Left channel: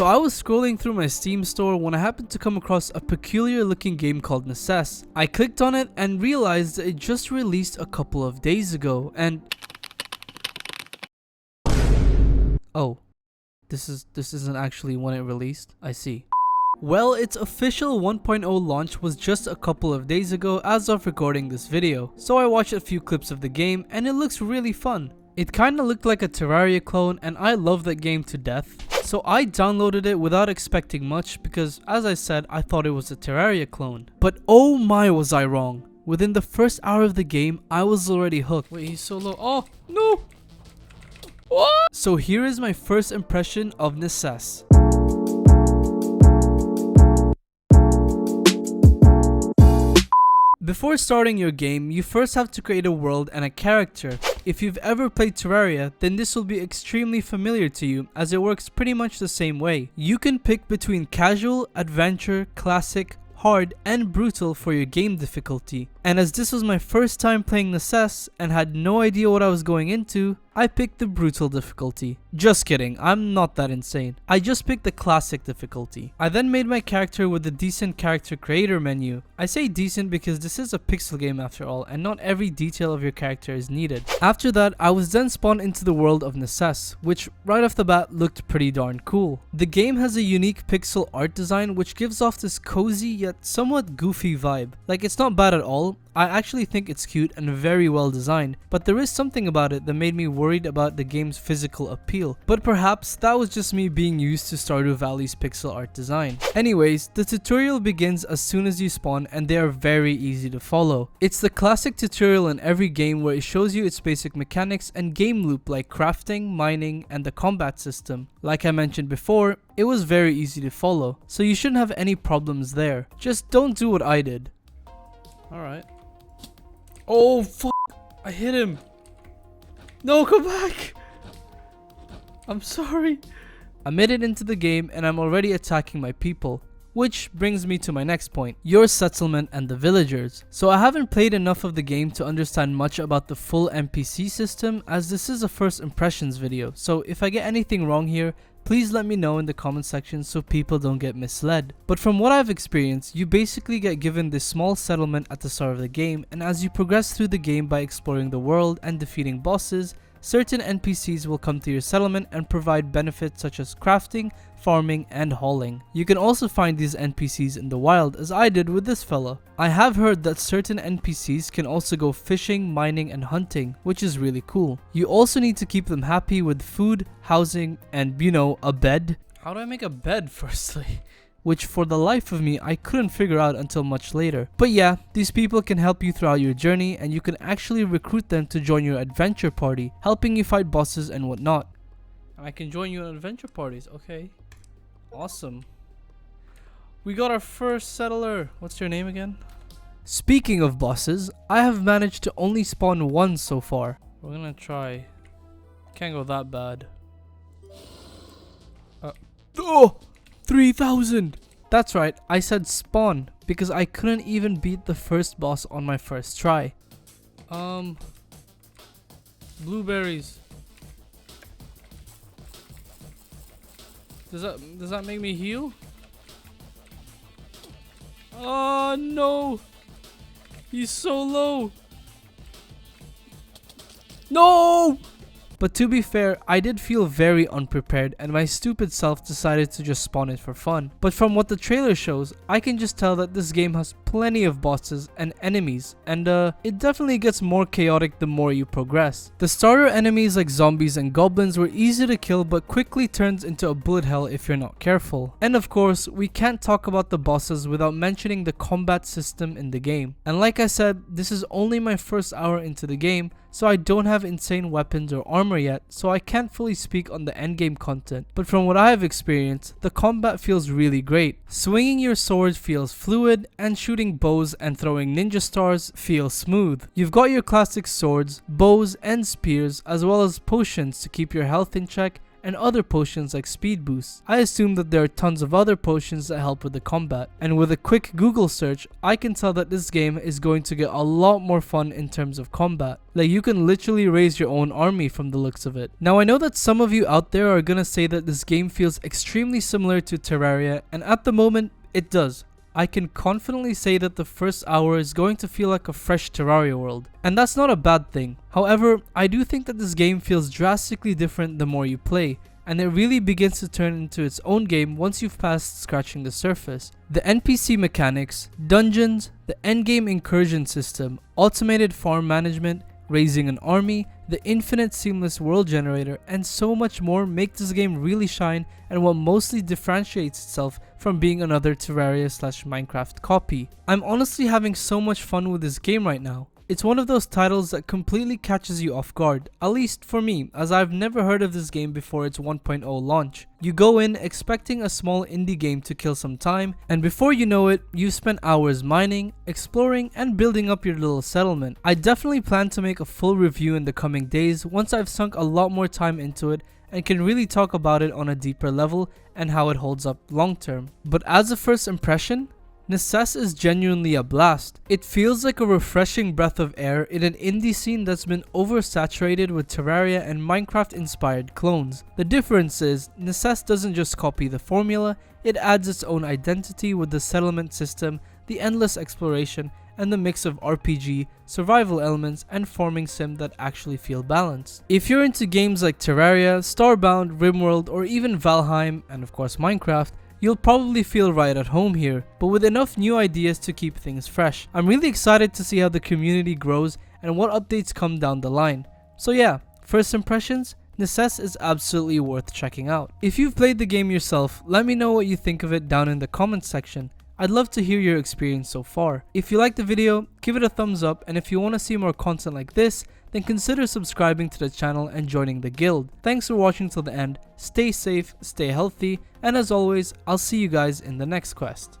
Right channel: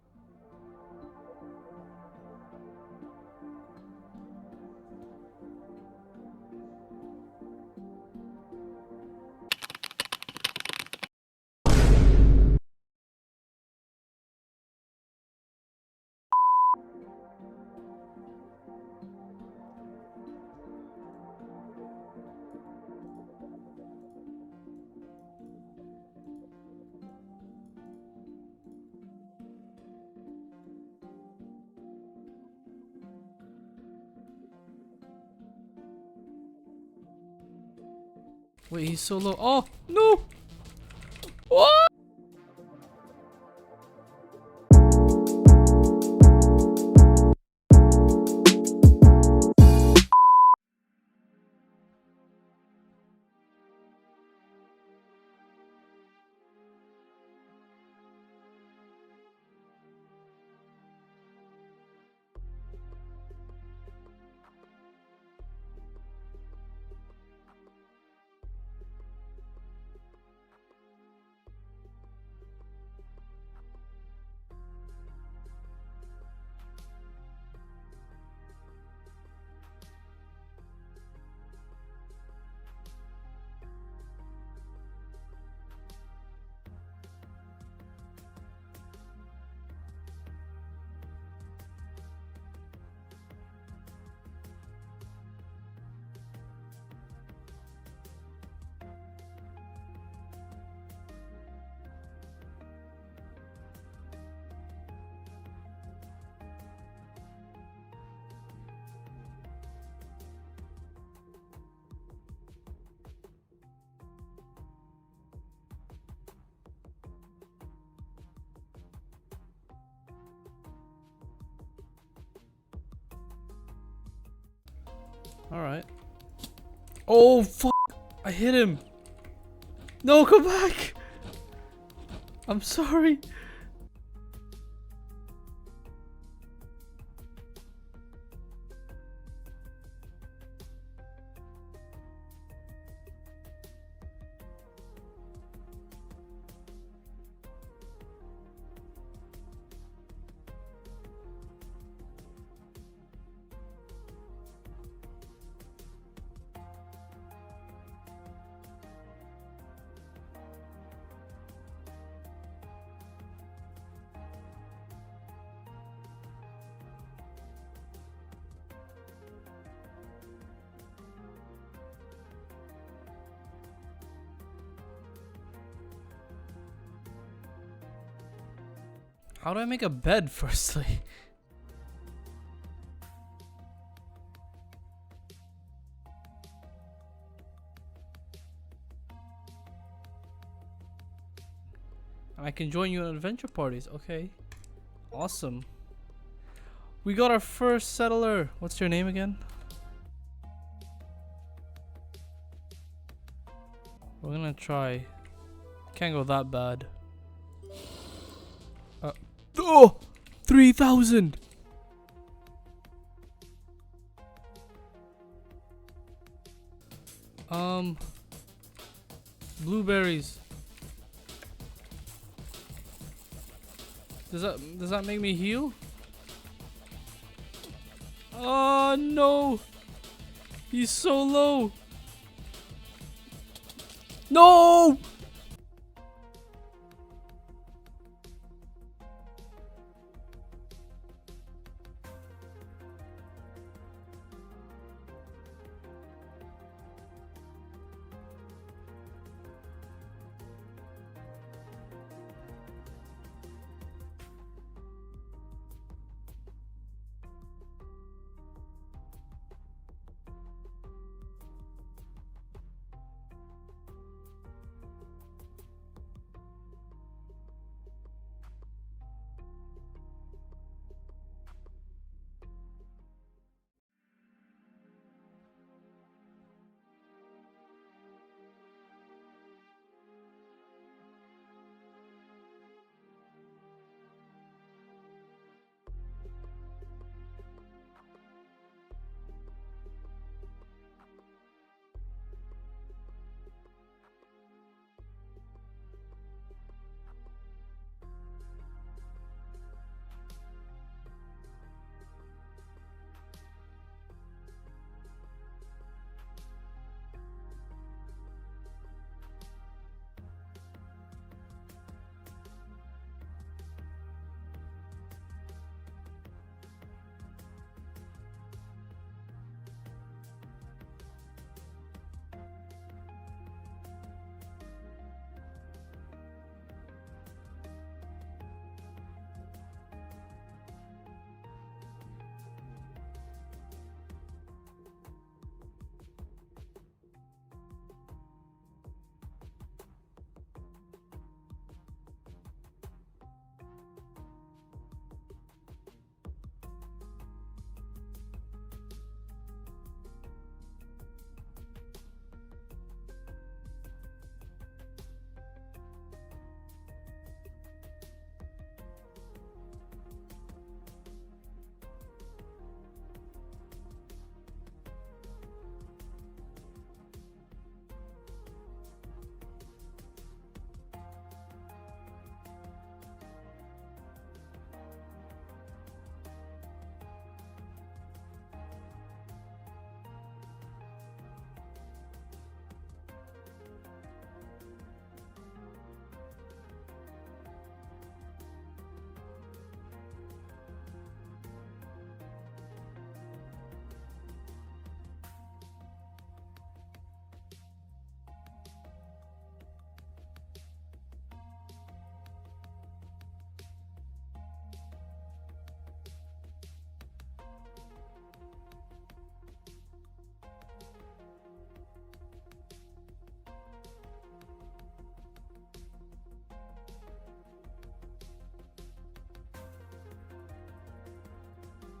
So I was scrolling through my Steam store when I happened to come across a peculiar looking game called Necesse. I clicked on it and realized that it just released a couple of days ago, and oh, this isn't actually when it released. I see. Well, its official 1.0 launch was just a couple of days ago as of recording this video, so I watched a few clips of the game and it looks really fun. It kinda looked like a Terraria clone and I love that game to death. So I downloaded it without expecting much because, as I said, I thought it was a Terraria clone. But oh my, was I wrong. Within the first hour of the game, I was already hooked. Wait, he's so low. Oh, no! What? So here is my first impression of Necesse. Before starting your game, you first have to create a world and a character. If you've ever played Terraria, then this will be extremely familiar to you as it works pretty much the same way. You can pick between casual, adventure, classic, hard, and brutal for your game difficulty. And as this was my first time playing Necesse and had no idea what I was going into, I picked the brutal difficulty. Just kidding, I'm not that insane. I just picked the classic difficulty. I then made my character with the decent character creator menu. I say decent because this is a pixel game after all, and not every detail of your character is needed. After that, I was then spawned into the world of Necesse, which right off the bat looked pretty darn cool. The game has a unique pixel art design which gives off this cozy yet somewhat goofy vibe. Like, it's not bad at all. I actually think it's cute and very well designed, but there is something about it that made me worried about the game's physical appeal. But perhaps that was just me being used to Stardew Valley's pixel art design. Anyways, the tutorial begins as soon as you spawn and they are very easy to follow. It's the classic tutorial in every game where it shows you its basic mechanics and game loop like crafting, mining, and the combat system. Like I mentioned before, it was very easy to follow, so you shouldn't have any problems there. Just don't do what I did. Alright. Oh, fuck! I hit him! No, come back! I'm sorry. I made it into the game and I'm already attacking my people. Which brings me to my next point, your settlement and the villagers. So I haven't played enough of the game to understand much about the full NPC system, as this is a first impressions video. So if I get anything wrong here, please let me know in the comment section so people don't get misled. But from what I've experienced, you basically get given this small settlement at the start of the game, and as you progress through the game by exploring the world and defeating bosses, certain NPCs will come to your settlement and provide benefits such as crafting, farming, and hauling. You can also find these NPCs in the wild, as I did with this fella. I have heard that certain NPCs can also go fishing, mining, and hunting, which is really cool. You also need to keep them happy with food, housing, and, you know, a bed. How do I make a bed firstly? Which for the life of me I couldn't figure out until much later. But yeah, these people can help you throughout your journey and you can actually recruit them to join your adventure party, helping you fight bosses and whatnot. I can join you in adventure parties, okay. Awesome. We got our first settler. What's your name again? Speaking of bosses, I have managed to only spawn one so far. We're gonna try. Can't go that bad. Oh! 3,000! That's right, I said spawn because I couldn't even beat the first boss on my first try. Blueberries. Does that make me heal? Oh no! He's so low! No! But to be fair, I did feel very unprepared and my stupid self decided to just spawn it for fun. But from what the trailer shows, I can just tell that this game has plenty of bosses and enemies, and it definitely gets more chaotic the more you progress. The starter enemies like zombies and goblins were easy to kill but quickly turns into a bullet hell if you're not careful. And of course, we can't talk about the bosses without mentioning the combat system in the game. And like I said, this is only my first hour into the game, so I don't have insane weapons or armor yet, so I can't fully speak on the endgame content. But from what I have experienced, the combat feels really great. Swinging your sword feels fluid, and shooting bows and throwing ninja stars feels smooth. You've got your classic swords, bows, and spears, as well as potions to keep your health in check, and other potions like speed boosts. I assume that there are tons of other potions that help with the combat, and with a quick Google search, I can tell that this game is going to get a lot more fun in terms of combat. Like, you can literally raise your own army from the looks of it. Now, I know that some of you out there are gonna say that this game feels extremely similar to Terraria, and at the moment, it does. I can confidently say that the first hour is going to feel like a fresh Terraria world, and that's not a bad thing. However, I do think that this game feels drastically different the more you play, and it really begins to turn into its own game once you've passed scratching the surface. The NPC mechanics, dungeons, the endgame incursion system, automated farm management, raising an army, the infinite seamless world generator, and so much more make this game really shine and what mostly differentiates itself from being another Terraria/Minecraft copy. I'm honestly having so much fun with this game right now. It's one of those titles that completely catches you off guard, at least for me, as I've never heard of this game before its 1.0 launch. You go in expecting a small indie game to kill some time, and before you know it, you've spent hours mining, exploring, and building up your little settlement. I definitely plan to make a full review in the coming days once I've sunk a lot more time into it and can really talk about it on a deeper level and how it holds up long term. But as a first impression, Necesse is genuinely a blast. It feels like a refreshing breath of air in an indie scene that's been oversaturated with Terraria and Minecraft inspired clones. The difference is, Necesse doesn't just copy the formula, it adds its own identity with the settlement system, the endless exploration, and the mix of RPG, survival elements, and farming sim that actually feel balanced. If you're into games like Terraria, Starbound, RimWorld, or even Valheim, and of course Minecraft, you'll probably feel right at home here, but with enough new ideas to keep things fresh. I'm really excited to see how the community grows and what updates come down the line. So yeah, first impressions, Necesse is absolutely worth checking out. If you've played the game yourself, let me know what you think of it down in the comments section. I'd love to hear your experience so far. If you liked the video, give it a thumbs up, and if you want to see more content like this, then consider subscribing to the channel and joining the guild. Thanks for watching till the end, stay safe, stay healthy, and as always, I'll see you guys in the next quest.